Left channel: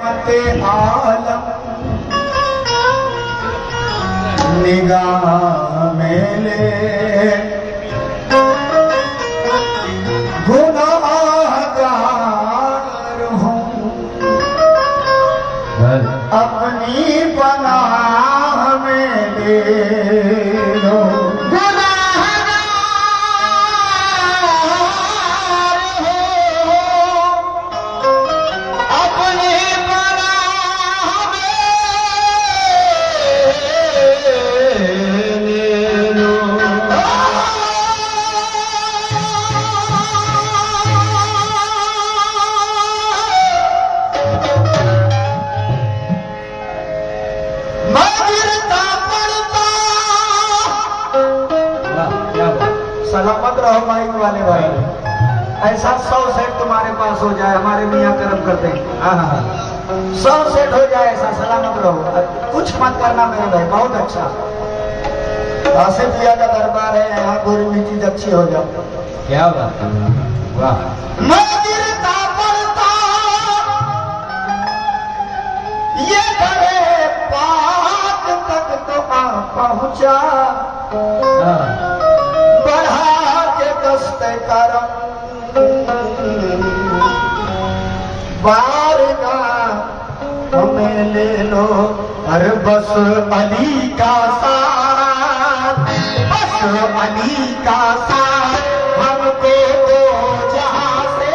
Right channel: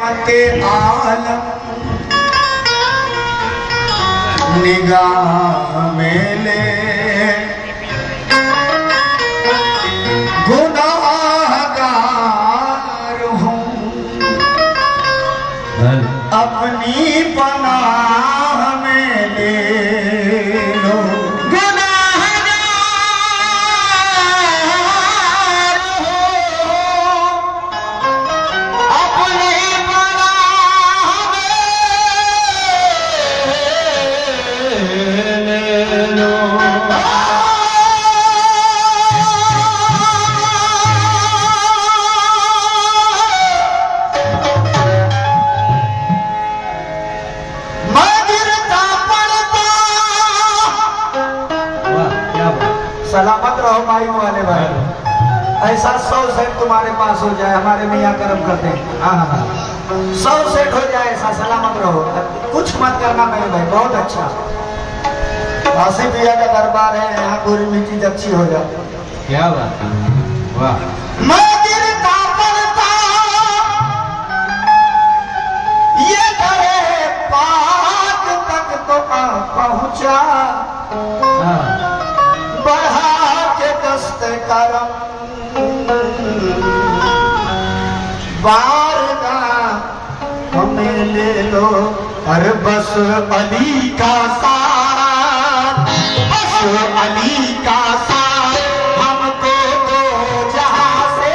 मते आलम निगाह में ले गुनाहगार हूँ अपनी पनाह में ले लो सलामत रहो माइक वाले भाई। ऐसा 100 सेट तुम्हारे पास हो जाए, हमारे मियाँ कर्म करते हैं। 100 सेट हो जाए ऐसा, सलामत रहो, कुछ मत करना मेरे भाई। बहुत अच्छा काशी पिया का दरबार है, यहाँ पूरी भी चीज अच्छी हो जाए। क्या बात है, वाह। मैं गिरता पड़ता ये करे पाक तक तो आ पहुँचा, बढ़ा के दस्ते करम बारगा हमें ले लो। अरे बस अली का साथ, बस अली का साथ हमको तो जहाँ से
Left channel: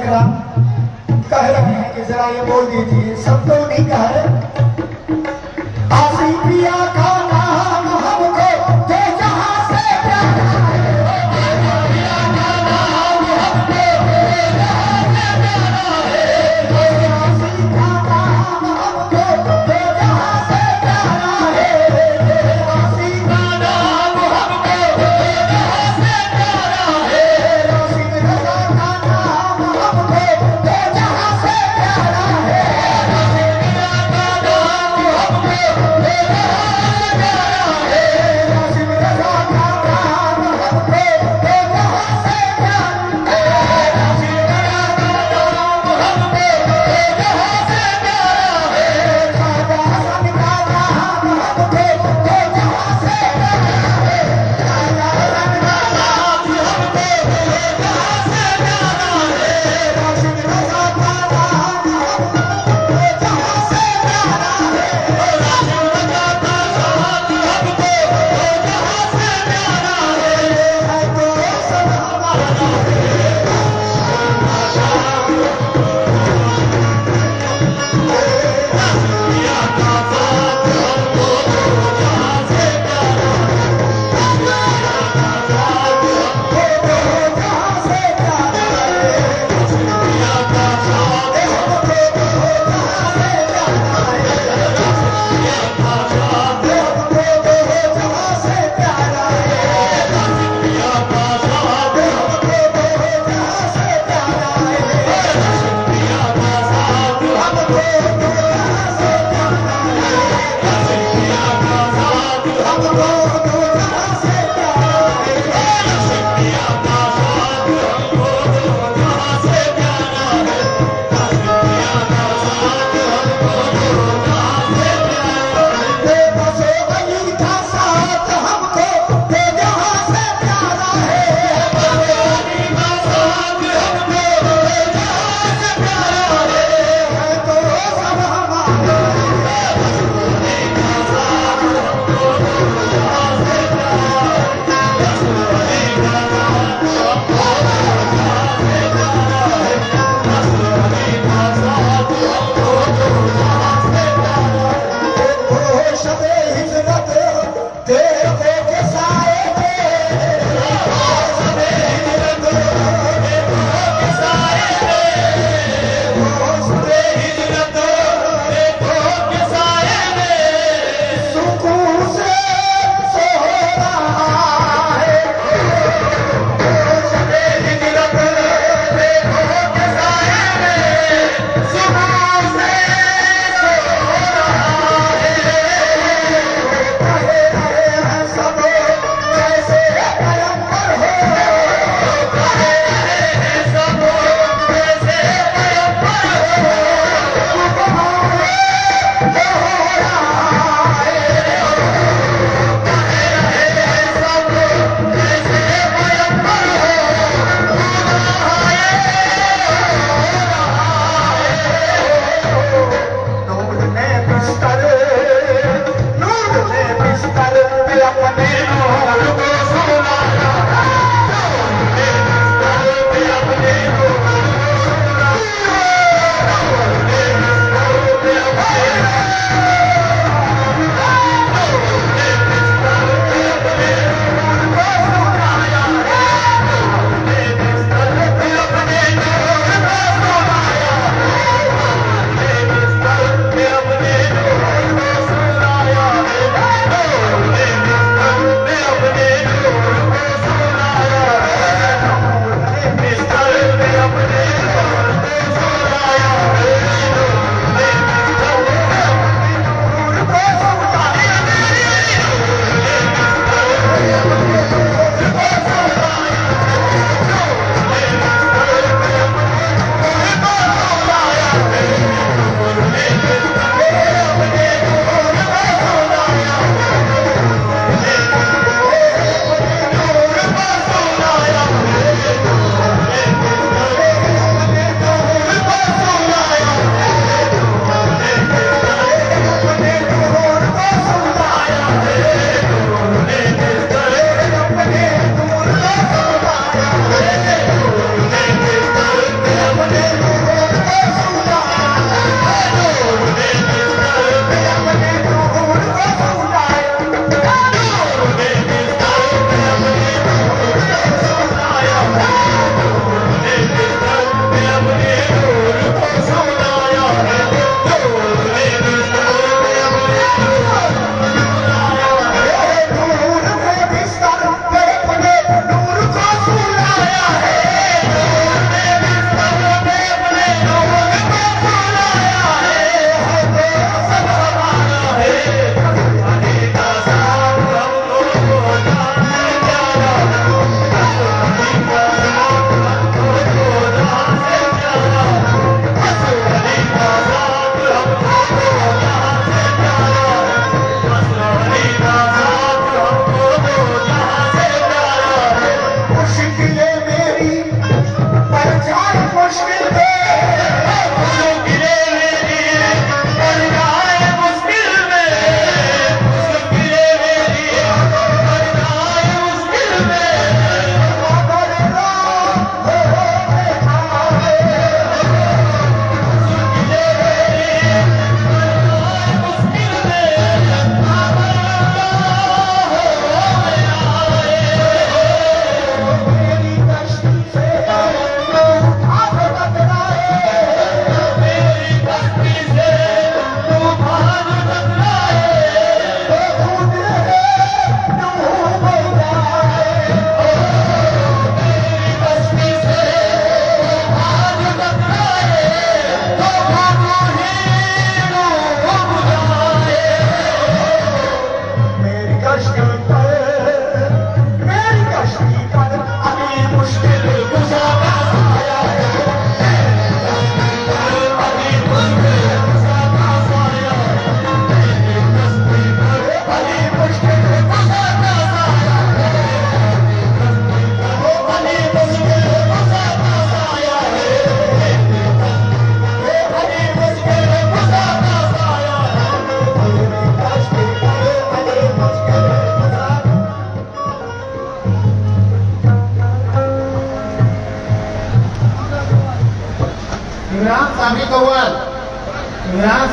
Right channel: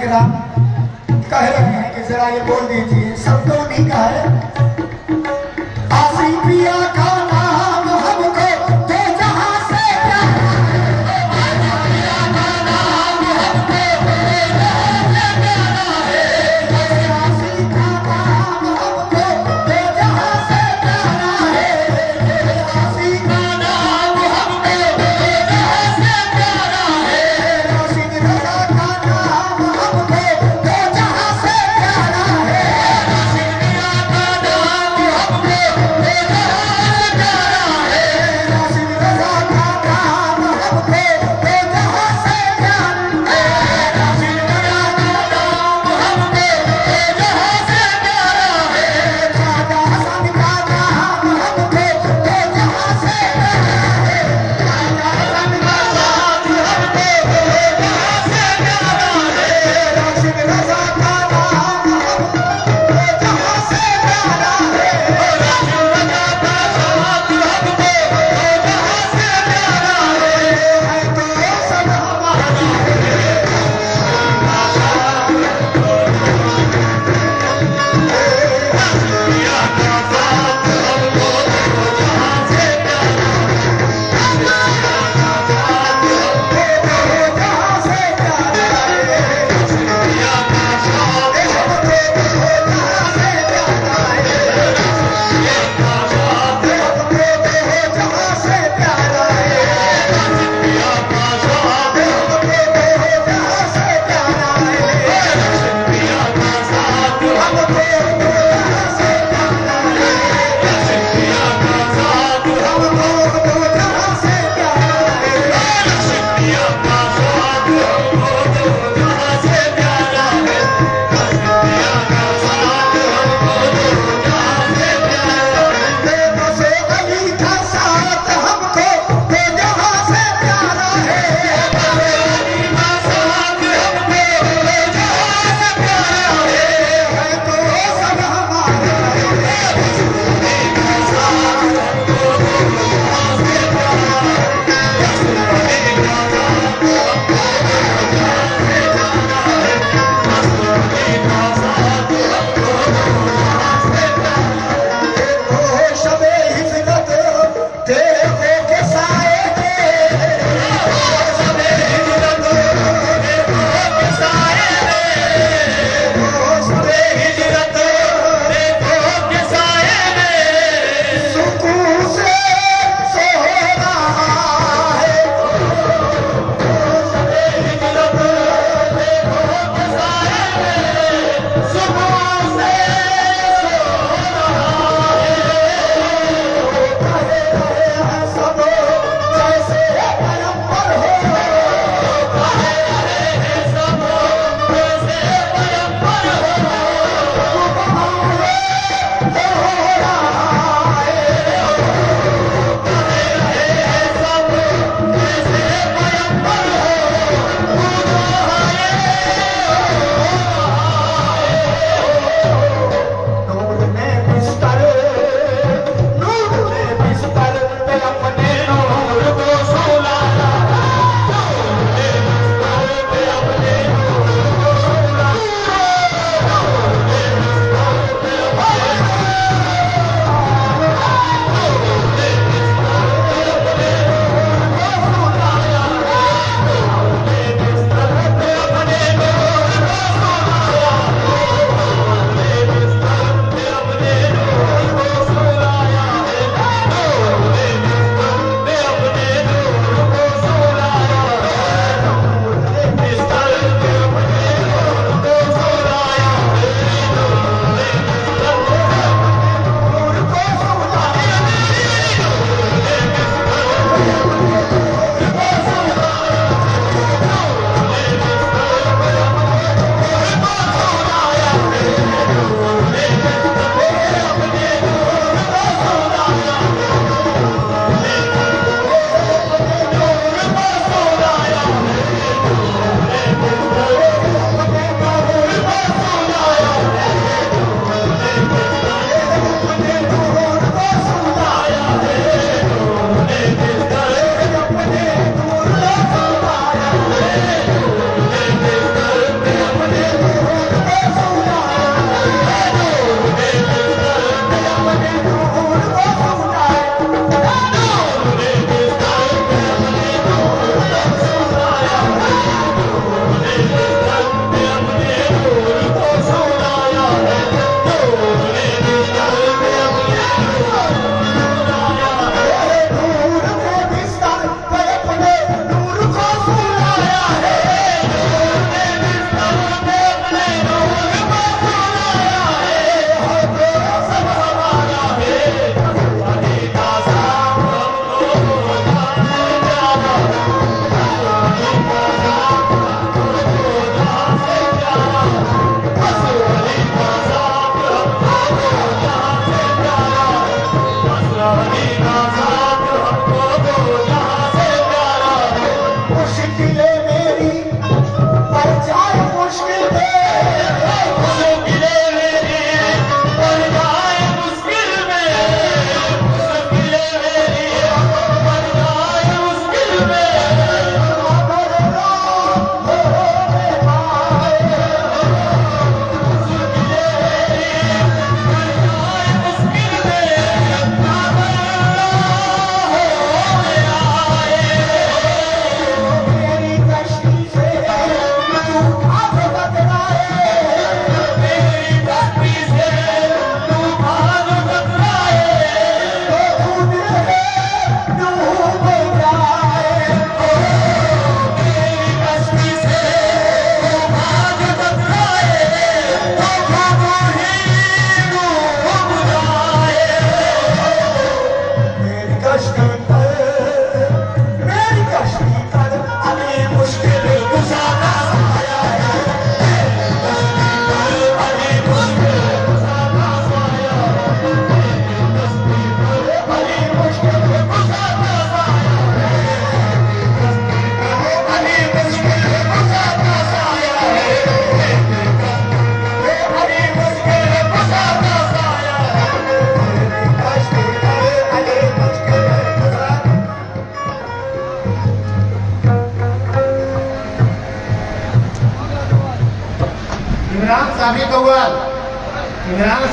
ग्राम कह रहे हैं कि जरा ये बोल दीजिए, सबको नहीं कह रहे। आसी पिया का नाम हमको तो जहां से प्यारा है, आसी का नाम हमको तो जहां से प्यारा है, आसी का नाम हमको तो जहां से प्यारा है, आशिक रजा का नाम हमको तो जहां से प्यारा है, आशिक पिया का नाम हमको तो जहां से प्यारा है, आशिक रजा का नाम हमको तो जहां से प्यारा है, आशिक रजा का नाम हमको तो जहां से प्यारा है, खाजा हसन का नाम हमको तो जहां से प्यारा है, खाजा हसन का नाम हमको तो जहां से प्यारा है, आशिक रजा का नाम हमको तो जहां से प्यारा है, आशिक रजा का नाम हमको तो जहां से प्यारा है तो सब हमारा जहां से प्यारा है, पिया का साथ हमको तो जहां से प्यारा है, पिया का साथ हमको तो जहां से प्यारा है, पिया का साथ हमको तो जहां से प्यारा है, पिया का साथ हमको तो जहां से प्यारा है, पिया का साथ हमको तो जहां से प्यारा है, पिया का साथ हमको तो जहां से प्यारा है, पिया का साथ हमको तो जहां से प्यारा है, बसे अली का साथ हमको तो जहां से प्यारा है, बसे अली का साथ हमको तो जहां से प्यारा है तो सब इमरान सामी कव्वाल, इमरान